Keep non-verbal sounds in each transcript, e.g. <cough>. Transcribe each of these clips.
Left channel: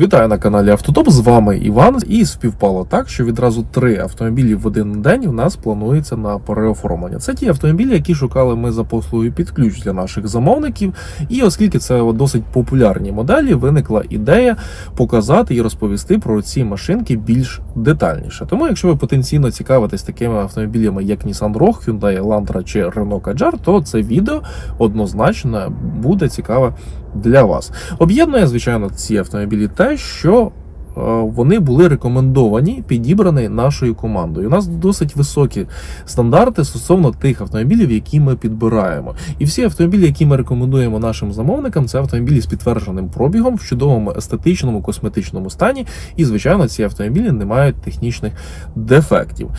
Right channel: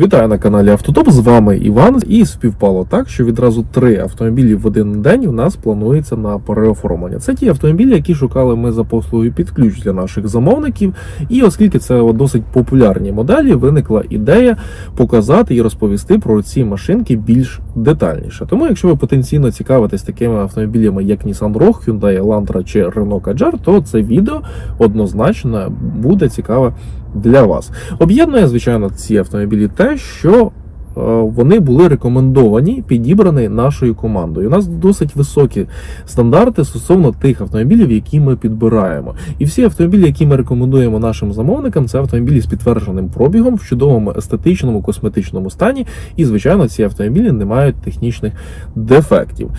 Вітаю на каналі Автотоп. З вами Іван. І співпало так, що відразу три автомобілі в один день у нас планується на переоформлення. Це ті автомобілі, які шукали ми за послугою під ключ для наших замовників. І оскільки це досить популярні моделі, виникла ідея показати і розповісти про ці машинки більш детальніше. Тому, якщо ви потенційно цікавитесь такими автомобілями, як Nissan Rogue, Hyundai Elantra чи Renault Kadjar, то це відео однозначно буде цікаве для вас. Об'єднує, звичайно, ці автомобілі те, що вони були рекомендовані, підібрані нашою командою. У нас досить високі стандарти стосовно тих автомобілів, які ми підбираємо. І всі автомобілі, які ми рекомендуємо нашим замовникам, це автомобілі з підтвердженим пробігом в чудовому естетичному косметичному стані. І, звичайно, ці автомобілі не мають технічних дефектів.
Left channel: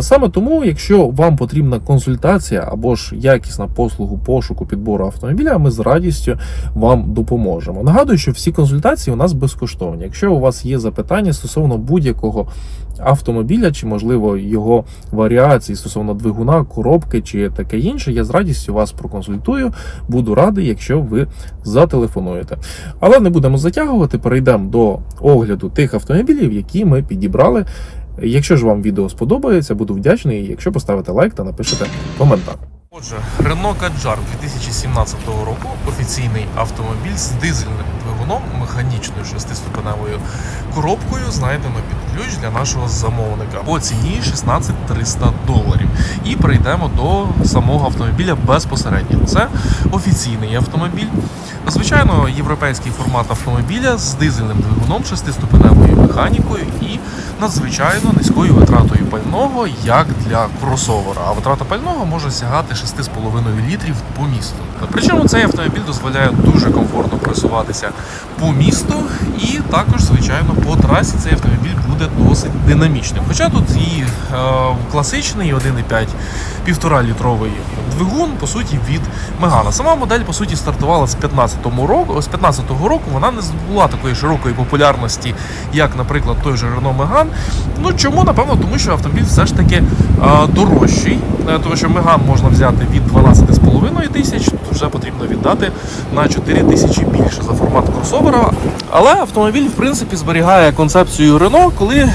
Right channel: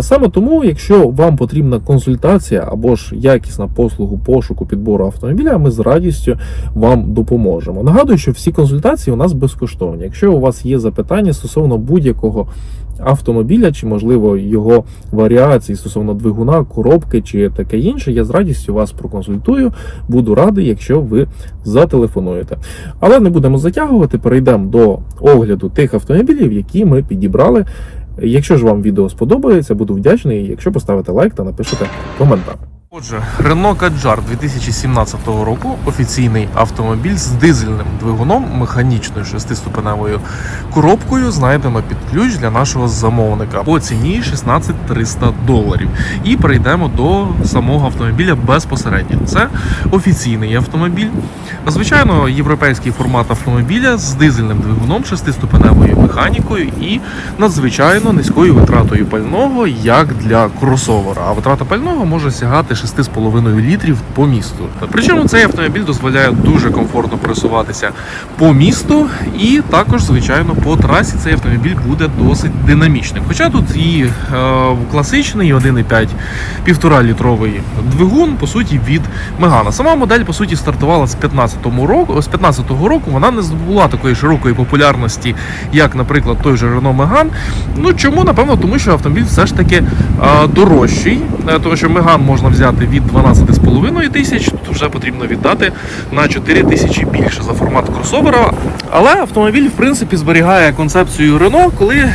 Саме тому, якщо вам потрібна консультація або ж якісна послугу пошуку підбору автомобіля, ми з радістю вам допоможемо. Нагадую, що всі консультації у нас безкоштовні. Якщо у вас є запитання стосовно будь-якого автомобіля, чи можливо його варіації стосовно двигуна, коробки чи таке інше, я з радістю вас проконсультую. Буду радий, якщо ви зателефонуєте. Але не будемо затягувати. Перейдемо до огляду тих автомобілів, які ми підібрали. Якщо ж вам відео сподобається, буду вдячний, якщо поставите лайк та напишете коментар. Отже, Renault Kadjar 2017 року офіційний автомобіль з дизельним двигуном, механічною шестиступеневою коробкою знайдено під ключ для нашого замовника по ціні 16 300 доларів. І перейдемо до самого автомобіля безпосередньо. Це офіційний автомобіль. Звичайно, європейський формат автомобіля з дизельним двигуном, шестиступеневою механікою і надзвичайно низькою витратою пального, як для кросовера. А витрата пального може сягати 6,5 літрів по місту. Причому цей автомобіль дозволяє дуже комфортно пересуватися по місту, і також, звичайно, по трасі цей автомобіль буде досить динамічним. Хоча тут і е, класичний 1,5 півтора літровий двигун, по суті, від Мегана. Сама модель, по суті, стартувала з 15-го року. З 15-го року вона не здобула такої широкої популярності, як, наприклад, той же Renault Megane. Ну чому? Напевно, тому що автомобіль все ж таки а, дорожчий, Е, тому що Megane можна взяти від 12,5 тисяч, вже потрібно віддати на 4 тисячі більше за формат кросовера. Але автомобіль, в принципі, зберігає концепцію Renault. Коли е,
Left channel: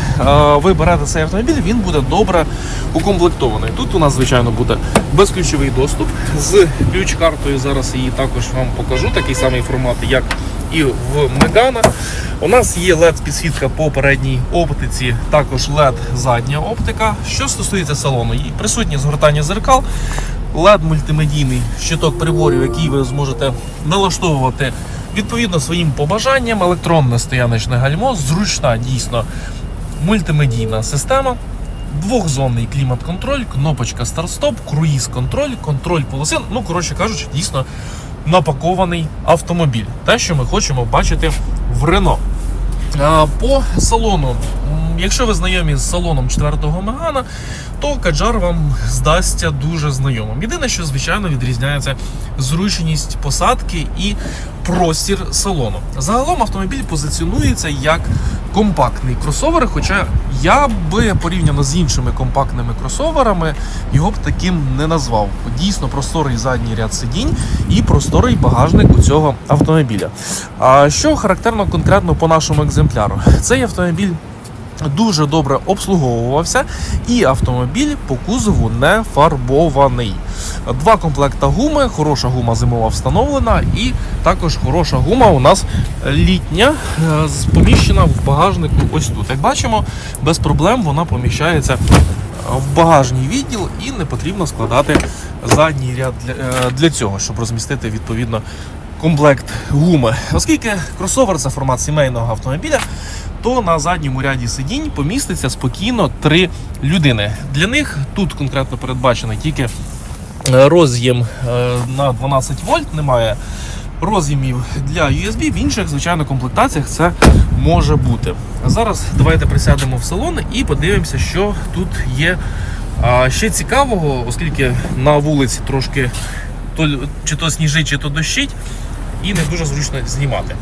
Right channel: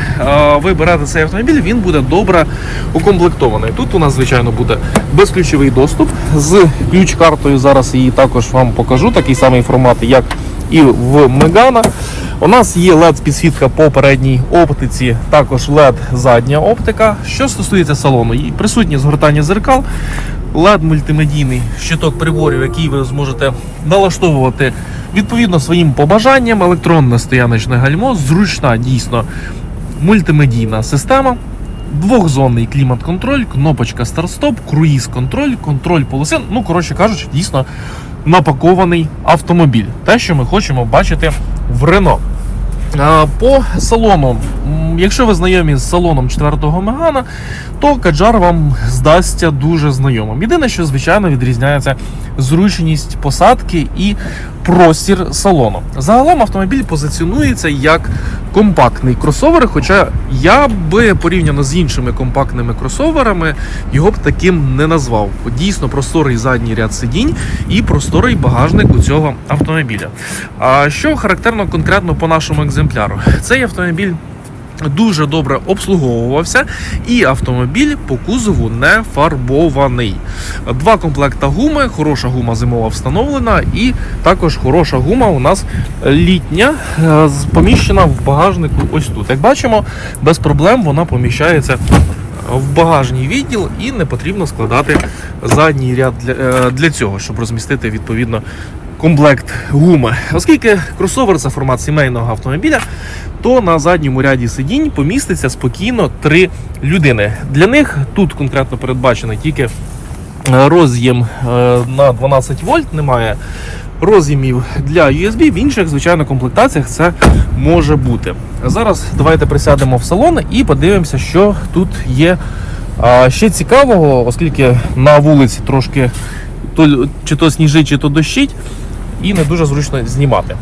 ви берете цей автомобіль, він буде добре укомплектований. Тут у нас, звичайно, буде безключовий доступ з ключ-картою. Зараз її також вам покажу. Такий самий формат, як і в Megane. У нас є led підсвітка по передній оптиці, також LED задня оптика. Що стосується салону, і присутні згортання зеркал, led мультимедійний щиток приборів, який ви зможете налаштовувати відповідно своїм побажанням, електронне стояночне гальмо, зручна дійсно мультимедійна система. Двохзонний клімат-контроль, кнопочка старт-стоп, круїз-контроль, контроль полоси. Ну, коротше кажучи, дійсно напакований автомобіль. Те, що ми хочемо бачити в Рено. По салону, якщо ви знайомі з салоном 4-го Мегана, то Каджар вам здасться дуже знайомим. Єдине, що звичайно відрізняється зручність посадки і простір салону. Загалом автомобіль позиціонується як компактний кросовер, хоча я би порівняно з іншими компактними кросоверами його б таким не назвав. Дійсно просторий задній ряд сидінь і просторий багажник у цього автомобіля. А що характерно конкретно по нашому екземпляру? Цей автомобіль. Дуже добре обслуговувався, і автомобіль по кузову не фарбований. Два комплекта гуми, хороша гума зимова встановлена, і також хороша гума у нас літня, е, поміщена в багажнику. Ось тут. Як бачимо, без проблем вона поміщається в багажний відділ і не потрібно складати задній ряд для, е, для цього, щоб розмістити відповідно комплект гуми. Оскільки кросовер це формат сімейного автомобіля, то на задньому ряді сидінь поміститься спокійно три людини. Для них тут конкретно передбачено тільки е, роз'єм е, на 12 вольт, немає роз'ємів для USB. В інших, звичайно, комплектаціях це може бути. Зараз давайте присядемо в салон і подивимося, що тут є ще цікавого, оскільки на вулиці трошки чи то сніжить, чи то дощить, і не дуже зручно знімати.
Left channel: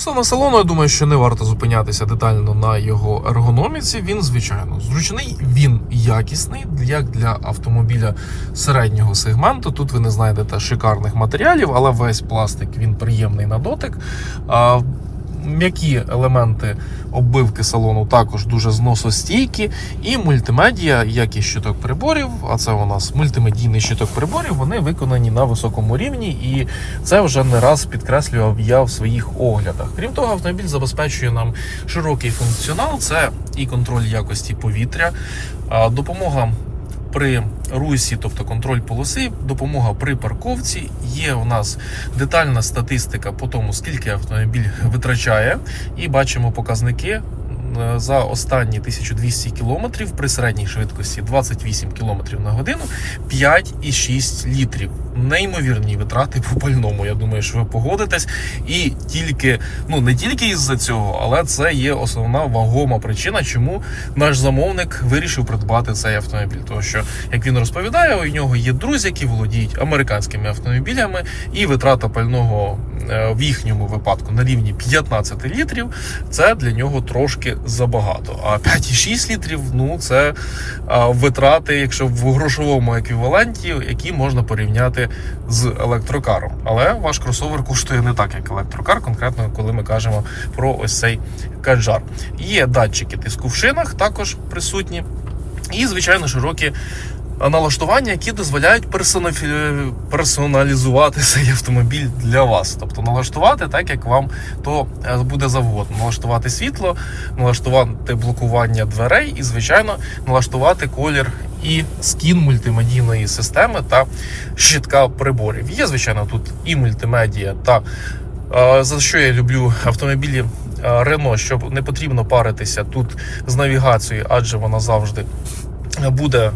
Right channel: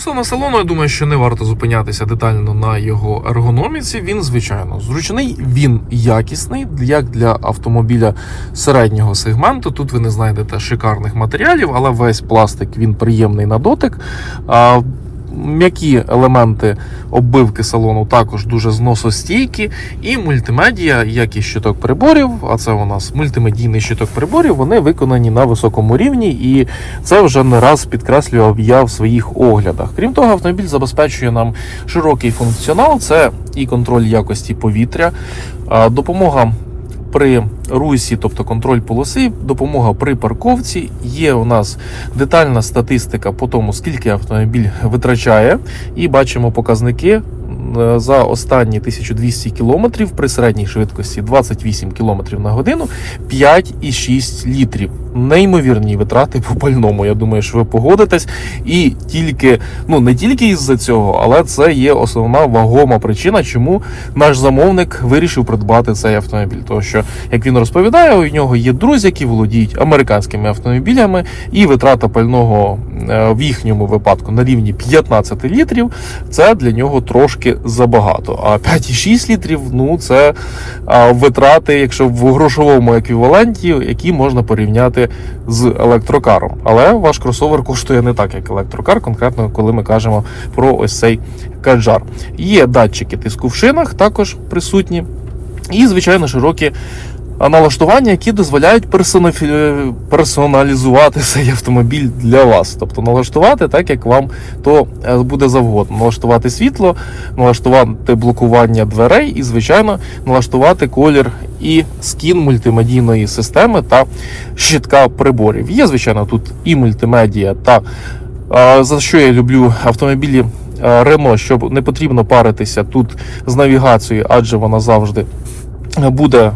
Стосовно салону, я думаю, що не варто зупинятися детально на його ергономіці. Він, звичайно, зручний, він якісний, як для автомобіля середнього сегменту. Тут ви не знайдете шикарних матеріалів, але весь пластик він приємний на дотик. М'які елементи оббивки салону також дуже зносостійкі. І мультимедіа, як і щиток приборів, а це у нас мультимедійний щиток приборів, вони виконані на високому рівні, і це вже не раз підкреслював я в своїх оглядах. Крім того, автомобіль забезпечує нам широкий функціонал. Це і контроль якості повітря, допомога при русі, тобто контроль полоси, допомога при парковці. Є у нас детальна статистика по тому, скільки автомобіль витрачає, і бачимо показники. Е, За останні 1200 кілометрів при середній швидкості 28 км на годину 5,6 літрів. Неймовірні витрати по пальному. Я думаю, що ви погодитесь. І тільки, ну не тільки із-за цього, але це є основна вагома причина, чому наш замовник вирішив придбати цей автомобіль. Тому що, як він розповідає, у нього є друзі, які володіють американськими автомобілями, і витрата пального е, в їхньому випадку на рівні 15 літрів. Це для нього трошки забагато. А 5,6 літрів ну це витрати, якщо в грошовому еквіваленті, які можна порівняти з електрокаром. Але ваш кросовер коштує не так, як електрокар, конкретно коли ми кажемо про ось цей каджар. Є датчики тиску в шинах, також присутні, і звичайно широкі. Налаштування, які дозволяють персонафі- персоналізувати <laughs> цей автомобіль для вас, тобто налаштувати так, як вам то е, буде завгодно. Налаштувати світло, налаштувати блокування дверей і, звичайно, налаштувати колір і скін мультимедійної системи та щитка приборів. Є, звичайно, тут і мультимедія, та за що я люблю автомобілі а, Renault, щоб не потрібно паритися тут з навігацією, адже вона завжди буде.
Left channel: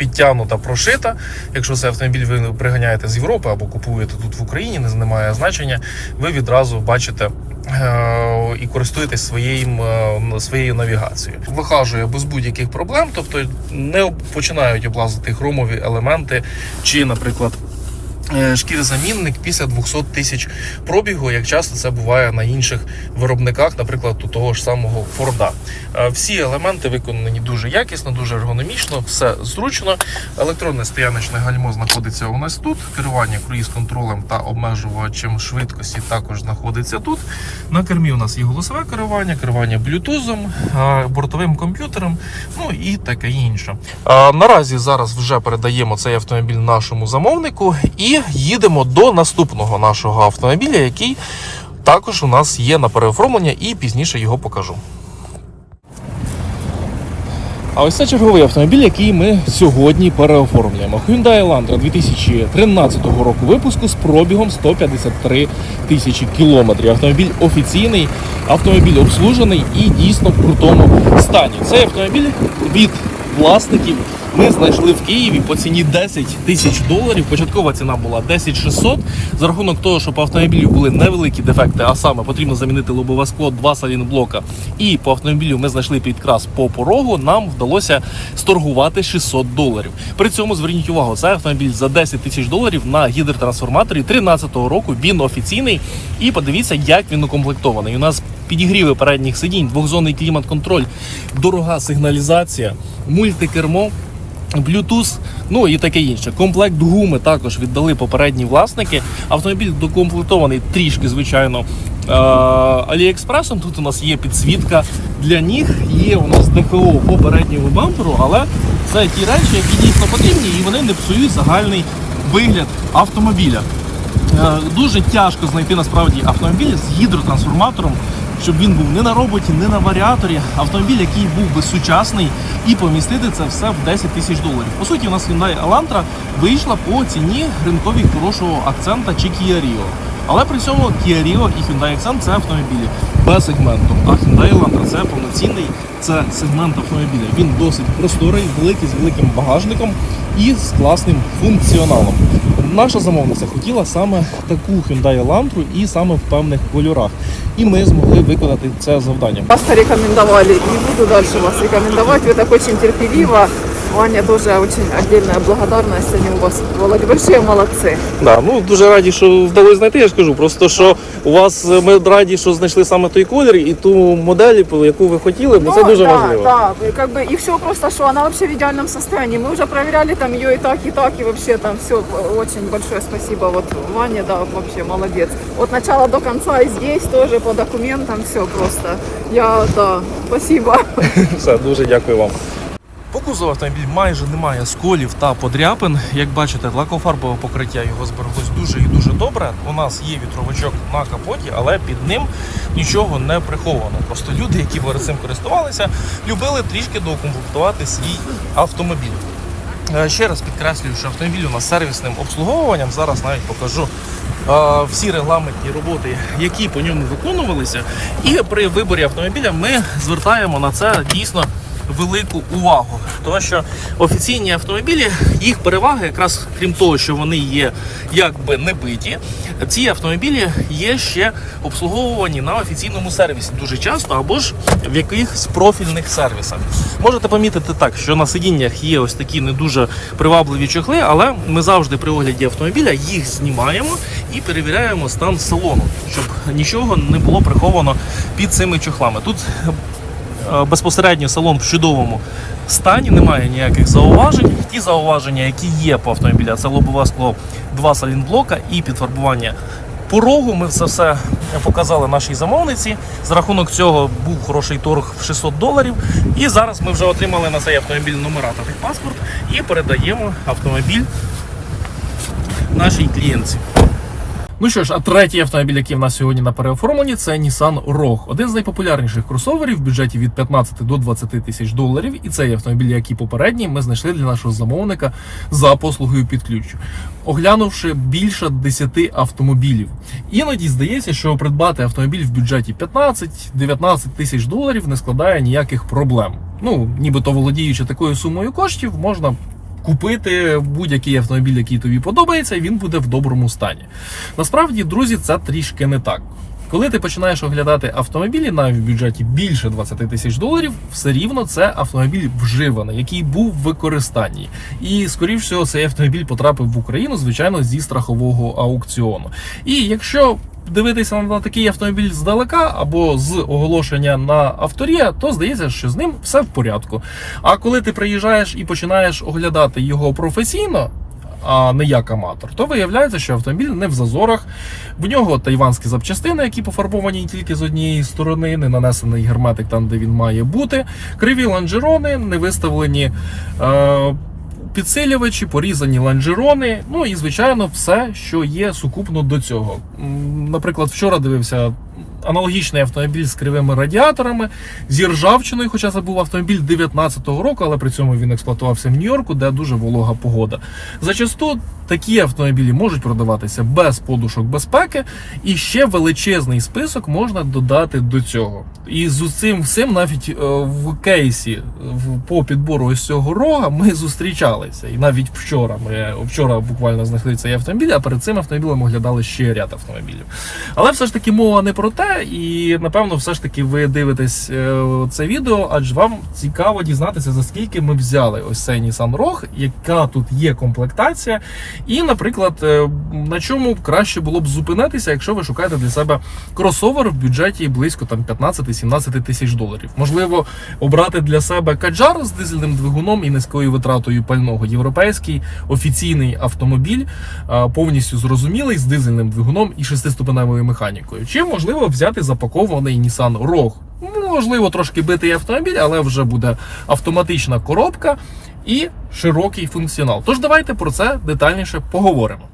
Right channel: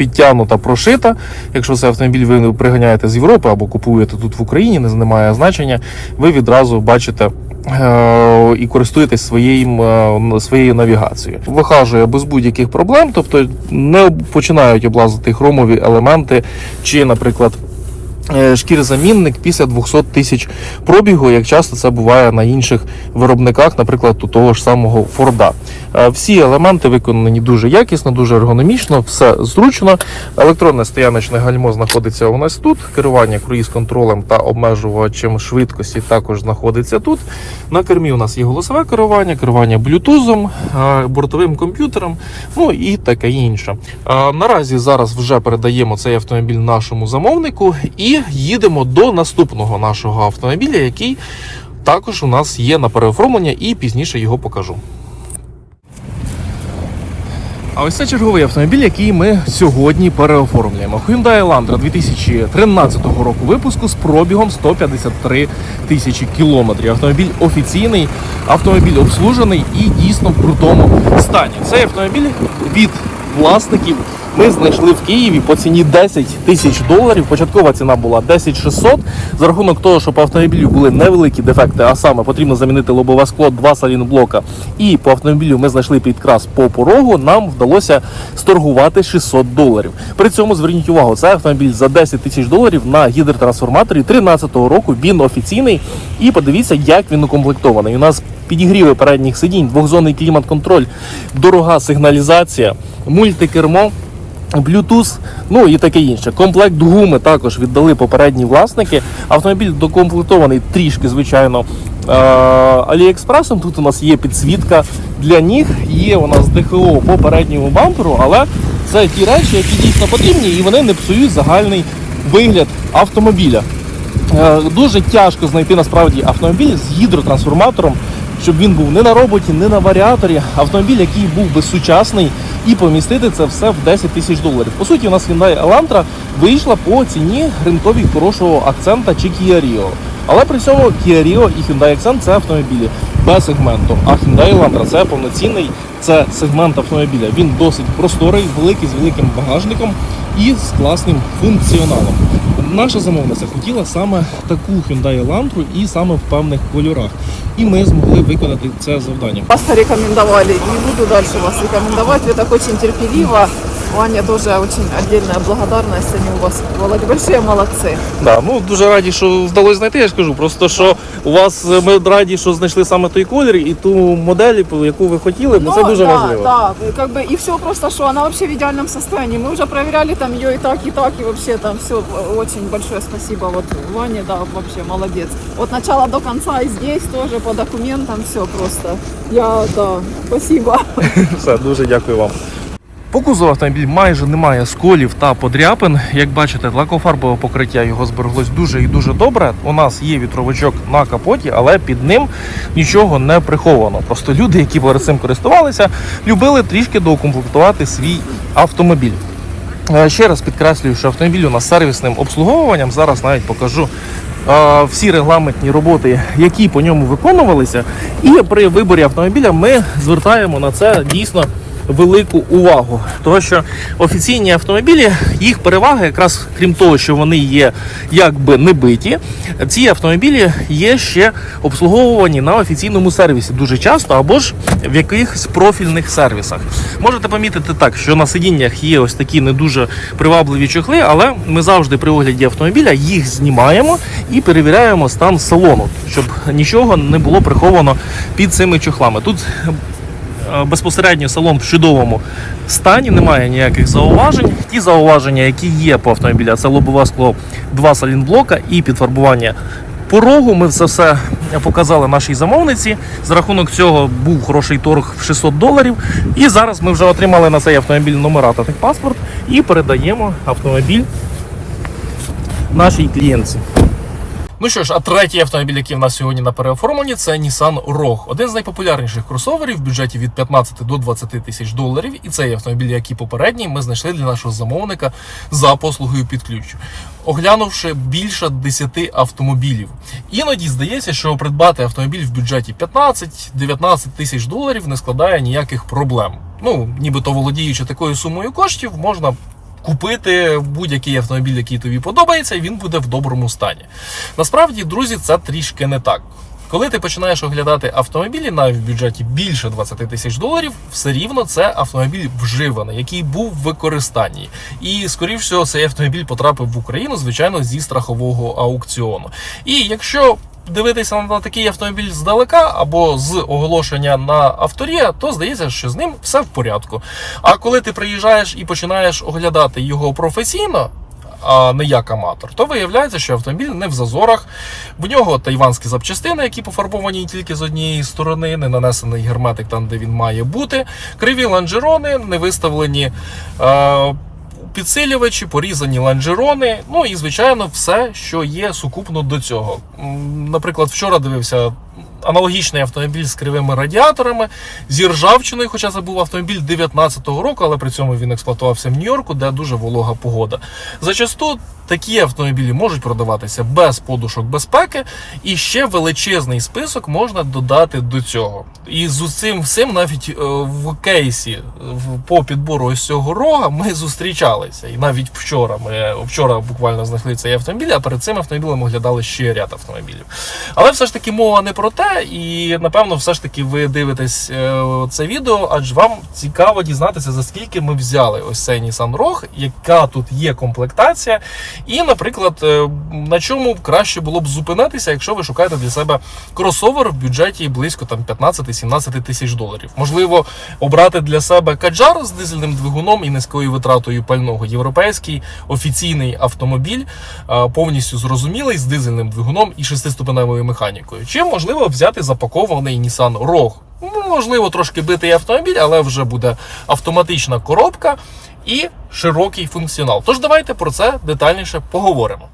Підтягнута, прошита. Якщо цей автомобіль ви приганяєте з Європи або купуєте тут в Україні, не немає значення, ви відразу бачите е, і користуєтесь своїм, е, своєю навігацією. Вихажує без будь-яких проблем, тобто не починають облазити хромові елементи, чи, наприклад, шкірзамінник після 200 тисяч пробігу, як часто це буває на інших виробниках, наприклад, у того ж самого Форда. Е, Всі елементи виконані дуже якісно, дуже ергономічно, все зручно. Електронне стояночне гальмо знаходиться у нас тут. Керування круїз-контролем та обмежувачем швидкості також знаходиться тут. На кермі у нас є голосове керування, керування блютузом, е, бортовим комп'ютером, ну і таке інше. Е, Наразі зараз вже передаємо цей автомобіль нашому замовнику і їдемо до наступного нашого автомобіля, який також у нас є на переоформлення, і пізніше його покажу. А ось це черговий автомобіль, який ми сьогодні переоформлюємо. Hyundai Elantra 2013 року випуску з пробігом 153 тисячі кілометрів. Автомобіль офіційний, автомобіль обслужений і дійсно в крутому стані. Цей автомобіль від власників ми знайшли в Києві по ціні 10 тисяч доларів. Початкова ціна була 10 600. За рахунок того, що по автомобілю були невеликі дефекти, а саме потрібно замінити лобове скло, два салінблока. І по автомобілю ми знайшли підкрас по порогу. Нам вдалося сторгувати 600 доларів. При цьому зверніть увагу, це автомобіль за 10 тисяч доларів на гідротрансформаторі 13-го року. Він офіційний. І подивіться, як він укомплектований. У нас підігріви передніх сидінь, двохзонний клімат-контроль, дорога сигналізація, мультикермо. Bluetooth, ну і таке інше. Комплект гуми також віддали попередні власники. Автомобіль докомплектований трішки, звичайно, е- Аліекспресом. Тут у нас є підсвітка для ніг, є у нас ДХО по передньому бамперу, але це ті речі, які дійсно потрібні, і вони не псують загальний вигляд автомобіля. Е, Дуже тяжко знайти насправді автомобіль з гідротрансформатором, щоб він був не на роботі, не на варіаторі. Автомобіль, який був би сучасний, і помістити це все в 10 тисяч доларів. По суті, у нас Hyundai Elantra вийшла по ціні ринковій хорошого акцента чи Kia Rio. Але при цьому Kia Rio і Hyundai Accent – це автомобілі без сегменту. А Hyundai Elantra – це повноцінний це сегмент автомобіля. Він досить просторий, великий з великим багажником і з класним функціоналом. Наша замовниця хотіла саме таку Hyundai Elantra і саме в певних кольорах. І ми змогли виконати це завдання. Вас порекомендовали, не буду далі вас рекомендувати, ви так дуже терпеливо Ваня тоже очень отдельная благодарность ему вас. Вы большие молодцы. Да, ну дуже раді, що вдалося знайти. Я ж кажу, просто що у вас е, ми раді, що знайшли саме той колір і ту модель, яку ви хотіли, бо це дуже да, важливо. да, и как бы и все просто, что она вообще в идеальном состоянии. Мы уже проверяли там ее и так, и так, и вообще там все. Очень большое спасибо. Вот Ваня, да, вообще молодец. От начала до конца и здесь тоже по документам все просто. Я, да, спасибо. <laughs> Все, дуже дякую вам. По кузову автомобіль майже немає сколів та подряпин. Як бачите, лакофарбове покриття його збереглось дуже і дуже добре. У нас є вітровичок на капоті, але під ним нічого не приховано. Просто люди, які перед цим користувалися, любили трішки доукомплектувати свій автомобіль. Е, Ще раз підкреслюю, що автомобіль у нас сервісним обслуговуванням. Зараз навіть покажу е, всі регламентні роботи, які по ньому виконувалися. І при виборі автомобіля ми звертаємо на це дійсно велику увагу. Тому що офіційні автомобілі, їх перевага, якраз крім того, що вони є якби не биті, ці автомобілі є ще обслуговувані на офіційному сервісі дуже часто або ж в якихось профільних сервісах. Можете помітити так, що на сидіннях є ось такі не дуже привабливі чохли, але ми завжди при огляді автомобіля їх знімаємо і перевіряємо стан салону, щоб нічого не було приховано під цими чохлами. Тут безпосередньо салон в чудовому стані, немає ніяких зауважень. Ті зауваження, які є по автомобілю, це лобове скло, два салінблока і підфарбування порогу. Ми це все показали нашій замовниці. За рахунок цього був хороший торг в 600 доларів. І зараз ми вже отримали на цей автомобіль номера та техпаспорт і передаємо автомобіль нашій клієнтці. Ну що ж, а третій автомобіль, який в нас сьогодні на переоформленні, це Nissan Rogue. Один з найпопулярніших кросоверів в бюджеті від 15 до 20 тисяч доларів. І цей автомобіль, як і попередній, ми знайшли для нашого замовника за послугою під ключ. Оглянувши більше 10 автомобілів. Іноді здається, що придбати автомобіль в бюджеті 15-19 тисяч доларів не складає ніяких проблем. Ну, нібито володіючи такою сумою коштів, можна купити будь-який автомобіль, який тобі подобається, і він буде в доброму стані. Насправді, друзі, це трішки не так. Коли ти починаєш оглядати автомобілі навіть в бюджеті більше 20 тисяч доларів, все рівно це автомобіль вживаний, який був в використанні. І, скоріш всього, цей автомобіль потрапив в Україну, звичайно, зі страхового аукціону. І якщо дивитися на такий автомобіль здалека або з оголошення на авторія, то здається, що з ним все в порядку. А коли ти приїжджаєш і починаєш оглядати його професійно. А не як аматор, то виявляється, що автомобіль не в зазорах. В нього тайванські запчастини, які пофарбовані тільки з однієї сторони, не нанесений герметик там, де він має бути. Криві ланжерони, не виставлені е, підсилювачі, порізані ланжерони. Ну і звичайно, все, що є сукупно до цього. Наприклад, вчора дивився. Аналогічний автомобіль з кривими радіаторами, зі ржавчиною, хоча це був автомобіль 19-го року, але при цьому він експлуатувався в Нью-Йорку, де дуже волога погода. Зачасту такі автомобілі можуть продаватися без подушок безпеки, і ще величезний список можна додати до цього. І з цим всім навіть е, в кейсі по підбору ось цього рога ми зустрічалися. І навіть вчора ми вчора буквально знайшли цей автомобіль, а перед цим автомобілем оглядали ще ряд автомобілів. Але все ж таки мова не про те, і напевно, все ж таки ви дивитесь е, це відео, адже вам цікаво дізнатися, за скільки ми взяли ось цей Nissan Rogue, яка тут є комплектація, і, наприклад, е, на чому краще було б зупинитися, якщо ви шукаєте для себе кросовер в бюджеті близько там 15-17 тисяч доларів. Можливо, обрати для себе каджар з дизельним двигуном і низькою витратою пального. Європейський офіційний автомобіль, е, повністю зрозумілий з дизельним двигуном і шестиступеневою механікою. Чи можливо взяти запакований Nissan Rogue? Ну, Можливо, трошки битий автомобіль, але вже буде автоматична коробка і широкий функціонал. Тож давайте про це детальніше поговоримо.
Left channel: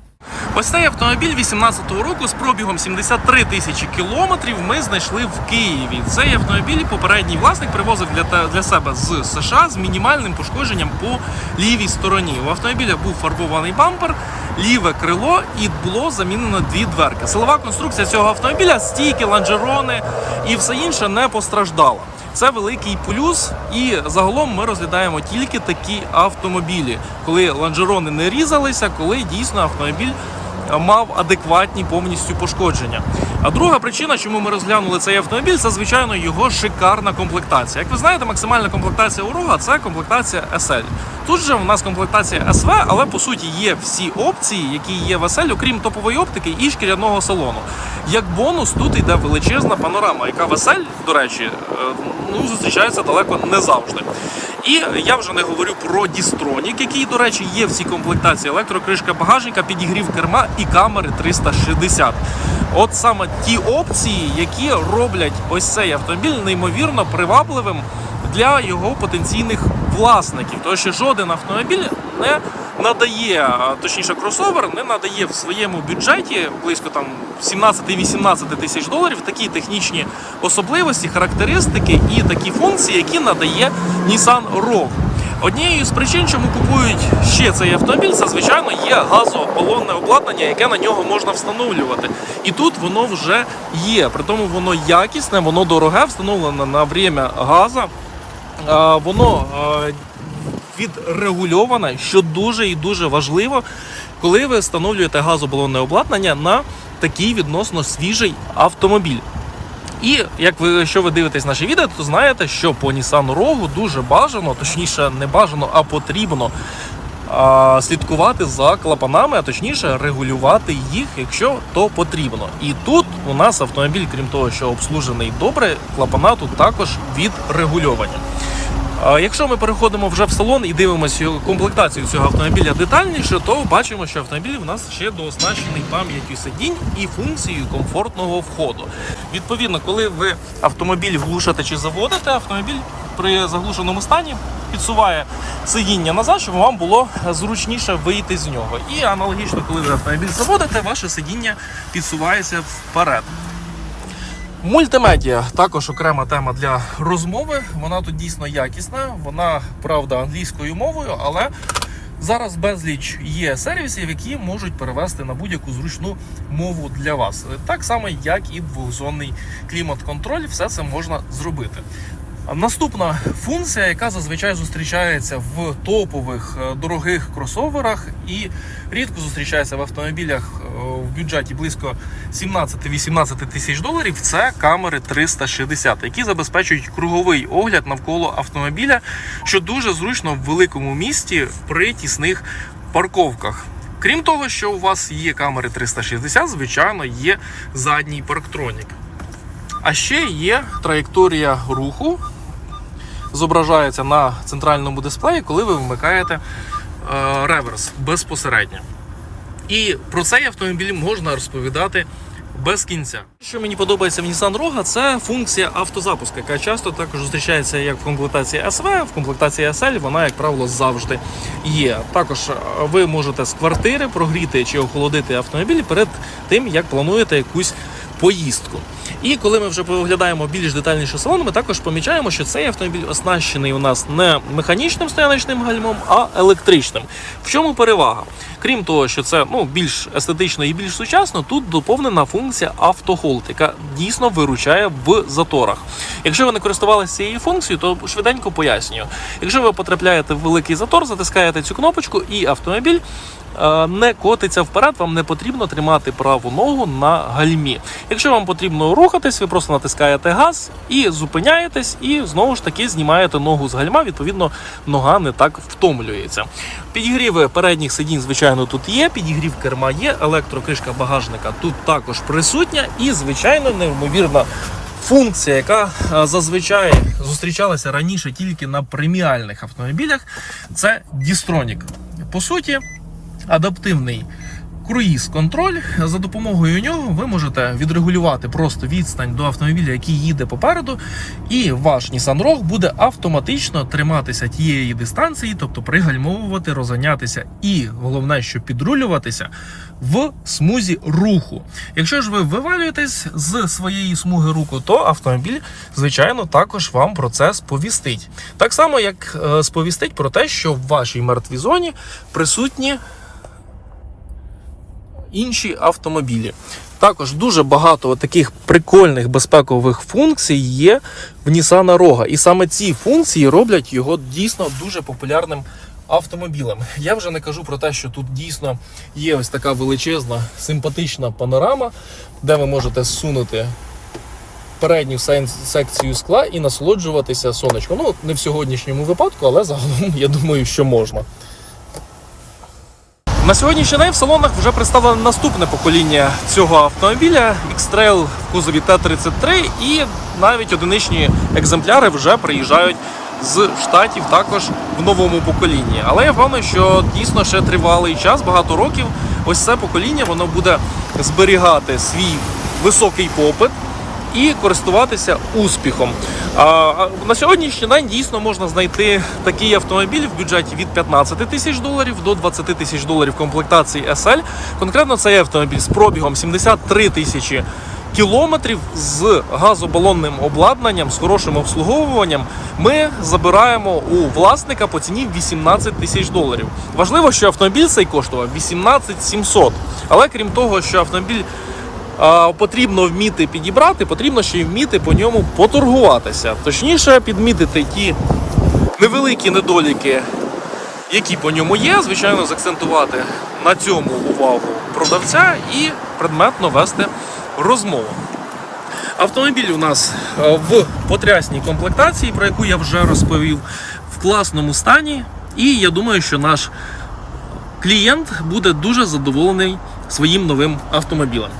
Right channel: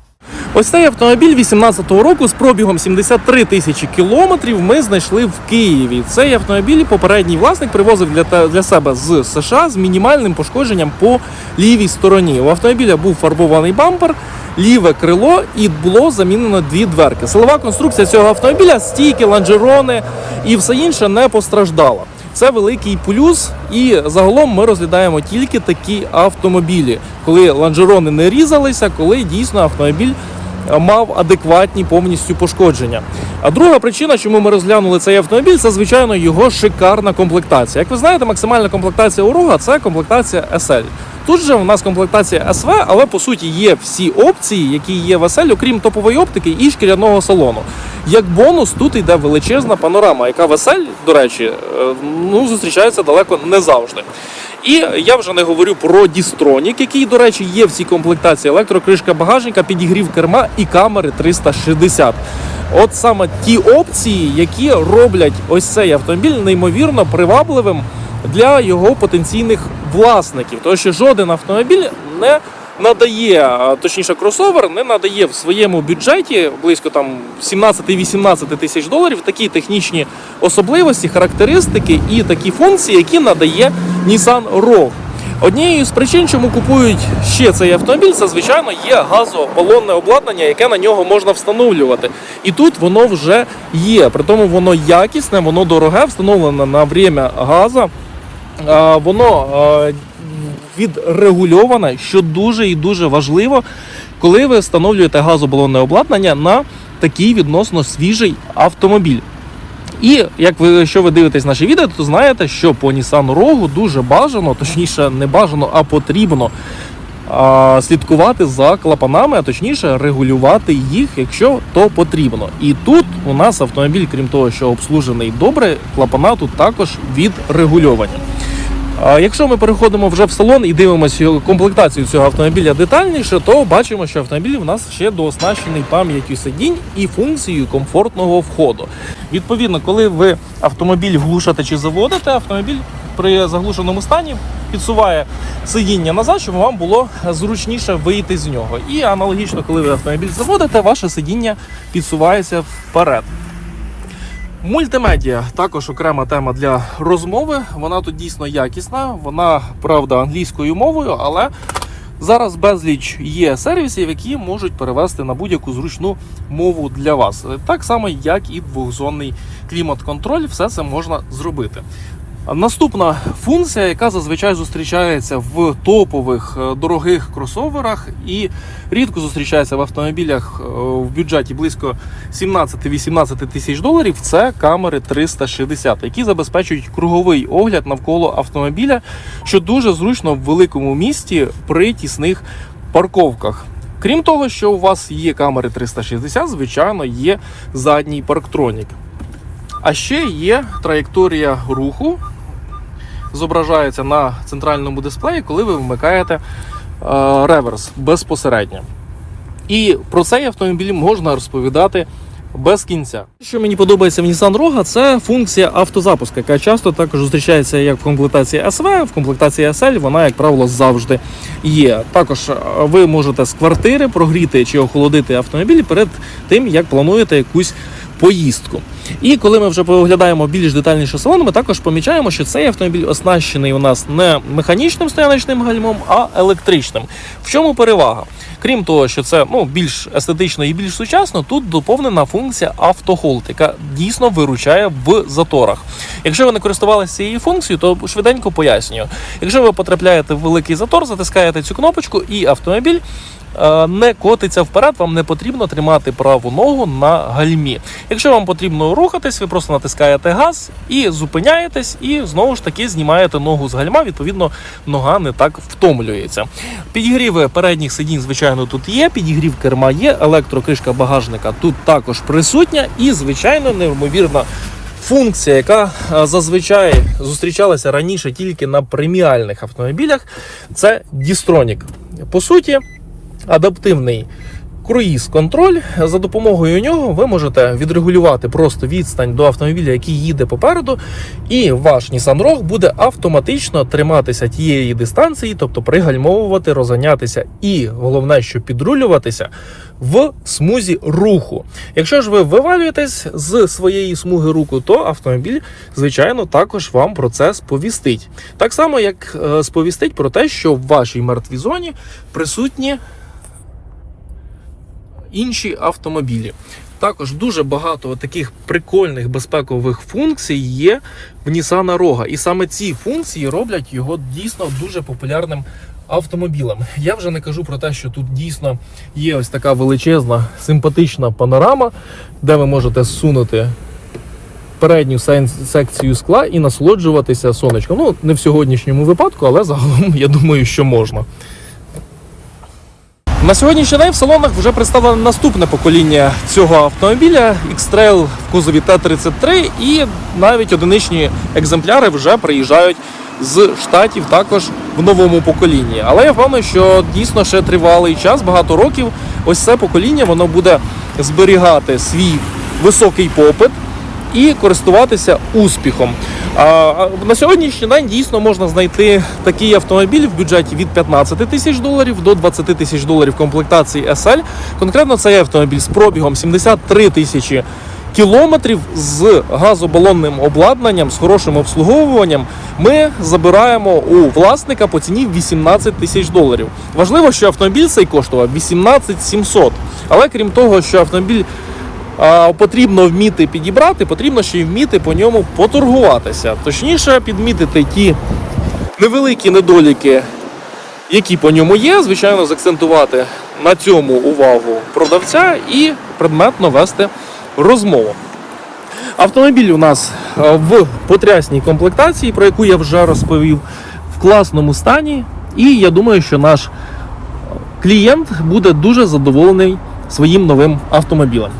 Ось цей автомобіль 18-го року з пробігом 73 тисячі кілометрів ми знайшли в Києві. Цей автомобіль попередній власник привозив для, для себе з США з мінімальним пошкодженням по лівій стороні. У автомобіля був фарбований бампер, ліве крило і було замінено дві дверки. Силова конструкція цього автомобіля, стійки, ланжерони і все інше не постраждала. Це великий плюс, і загалом ми розглядаємо тільки такі автомобілі, коли ланжерони не різалися, коли дійсно автомобіль мав адекватні повністю пошкодження. А друга причина, чому ми розглянули цей автомобіль, це звичайно його шикарна комплектація. Як ви знаєте, максимальна комплектація у Рога це комплектація SL. Тут же у нас комплектація СВ, але по суті є всі опції, які є в SL, окрім топової оптики і шкіряного салону. Як бонус, тут йде величезна панорама, яка в SL, до речі, е, ну, зустрічається далеко не завжди. І я вже не говорю про Дістронік, який, до речі, є в цій комплектації. Електрокришка багажника, підігрів керма і камери 360. От саме ті опції, які роблять ось цей автомобіль неймовірно привабливим для його потенційних власників. Тому що жоден автомобіль не надає, точніше, кросовер не надає в своєму бюджеті близько там 17-18 тисяч доларів такі технічні особливості, характеристики і такі функції, які надає Nissan Rogue. Однією з причин, чому купують ще цей автомобіль, це звичайно є газобалонне обладнання, яке на нього можна встановлювати. І тут воно вже є. При тому воно якісне, воно дороге, встановлене на время газу. А, Воно а, відрегульоване, що дуже і дуже важливо, коли ви встановлюєте газобалонне обладнання на такий відносно свіжий автомобіль. І як ви, якщо ви дивитесь наші відео, то знаєте, що по Nissan Rogue дуже бажано, точніше, не бажано, а потрібно а, слідкувати за клапанами, а точніше регулювати їх, якщо то потрібно. І тут у нас автомобіль, крім того, що обслужений добре, клапана тут також відрегульовані. Якщо ми переходимо вже в салон і дивимося комплектацію цього автомобіля детальніше, то бачимо, що автомобіль в нас ще дооснащений пам'яттю сидінь і функцією комфортного входу. Відповідно, коли ви автомобіль глушите чи заводите, автомобіль при заглушеному стані підсуває сидіння назад, щоб вам було зручніше вийти з нього. І аналогічно, коли ви автомобіль заводите, ваше сидіння підсувається вперед. Мультимедіа також окрема тема для розмови. Вона тут дійсно якісна. Вона правда англійською мовою, але зараз безліч є сервісів, які можуть перевести на будь-яку зручну мову для вас. Так само, як і двохзонний клімат-контроль, все це можна зробити. Наступна функція, яка зазвичай зустрічається в топових е, дорогих кросоверах і рідко зустрічається в автомобілях е, в бюджеті близько 17-18 тисяч доларів, це камери 360, які забезпечують круговий огляд навколо автомобіля, що дуже зручно в великому місті при тісних парковках. Крім того, що у вас є камери 360, звичайно, є задній парктронік. А ще є траєкторія руху, зображається на центральному дисплеї, коли ви вмикаєте е, реверс безпосередньо. І про цей автомобіль можна розповідати без кінця. Що мені подобається в Nissan Rogue, це функція автозапуску, яка часто також зустрічається як в комплектації SV, в комплектації SL вона, як правило, завжди є. Також е, ви можете з квартири прогріти чи охолодити автомобіль перед тим, як плануєте якусь поїздку. І коли ми вже поглядаємо більш детальніше салон, ми також помічаємо, що цей автомобіль оснащений у нас не механічним стояночним гальмом, а електричним. В чому перевага? Крім того, що це ну, більш естетично і більш сучасно, тут доповнена функція автохолд, яка дійсно виручає в заторах. Якщо ви не користувалися цією функцією, то швиденько пояснюю. Якщо ви потрапляєте в великий затор, затискаєте цю кнопочку, і автомобіль не котиться вперед, вам не потрібно тримати праву ногу на гальмі. Якщо вам потрібно рухатись, ви просто натискаєте газ і зупиняєтесь, і знову ж таки знімаєте ногу з гальма. Відповідно, нога не так втомлюється. Підігріви передніх сидінь, звичайно, тут є. Підігрів керма є, електрокришка багажника тут також присутня, і звичайно, неймовірна. Функція, яка е, зазвичай зустрічалася раніше тільки на преміальних автомобілях, це Distronic. По суті, адаптивний круїз-контроль. За допомогою нього ви можете відрегулювати просто відстань до автомобіля, який їде попереду, і ваш Nissan Rogue буде автоматично триматися тієї дистанції, тобто пригальмовувати, розганятися, і головне, що підрулюватися в смузі руху. Якщо ж ви вивалюєтесь з своєї смуги руху, то автомобіль, звичайно, також вам про це сповістить. Так само, як е, сповістить про те, що в вашій мертвій зоні присутні інші автомобілі. Також дуже багато таких прикольних безпекових функцій є в Nissan Rogue. І саме ці функції роблять його дійсно дуже популярним автомобілем. Я вже не кажу про те, що тут дійсно є ось така величезна симпатична панорама, де ви можете зсунути передню секцію скла і насолоджуватися сонечком. Ну, не в сьогоднішньому випадку, але загалом <laughs> я думаю, що можна. На сьогоднішній день в салонах вже представлено наступне покоління цього автомобіля X-Trail в кузові Т-33 і навіть одиничні екземпляри вже приїжджають з штатів також в новому поколінні. Але я впевнений, що дійсно ще тривалий час, багато років. Ось це покоління воно буде зберігати свій високий попит і користуватися успіхом. А, на сьогоднішній день дійсно можна знайти такий автомобіль в бюджеті від 15 тисяч доларів до 20 тисяч доларів комплектації SL. Конкретно цей автомобіль з пробігом 73 тисячі кілометрів з газобалонним обладнанням, з хорошим обслуговуванням. Ми забираємо у власника по ціні 18 тисяч доларів. Важливо, що автомобіль цей коштував 18 700. Але крім того, що автомобіль потрібно вміти підібрати, потрібно ще й вміти по ньому поторгуватися. Точніше, підмітити ті невеликі недоліки, які по ньому є. Звичайно, закцентувати на цьому увагу продавця і предметно вести розмову. Автомобіль у нас е, в потрясній комплектації, про яку я вже розповів, в класному стані. І я думаю, що наш клієнт буде дуже задоволений своїм новим автомобілем.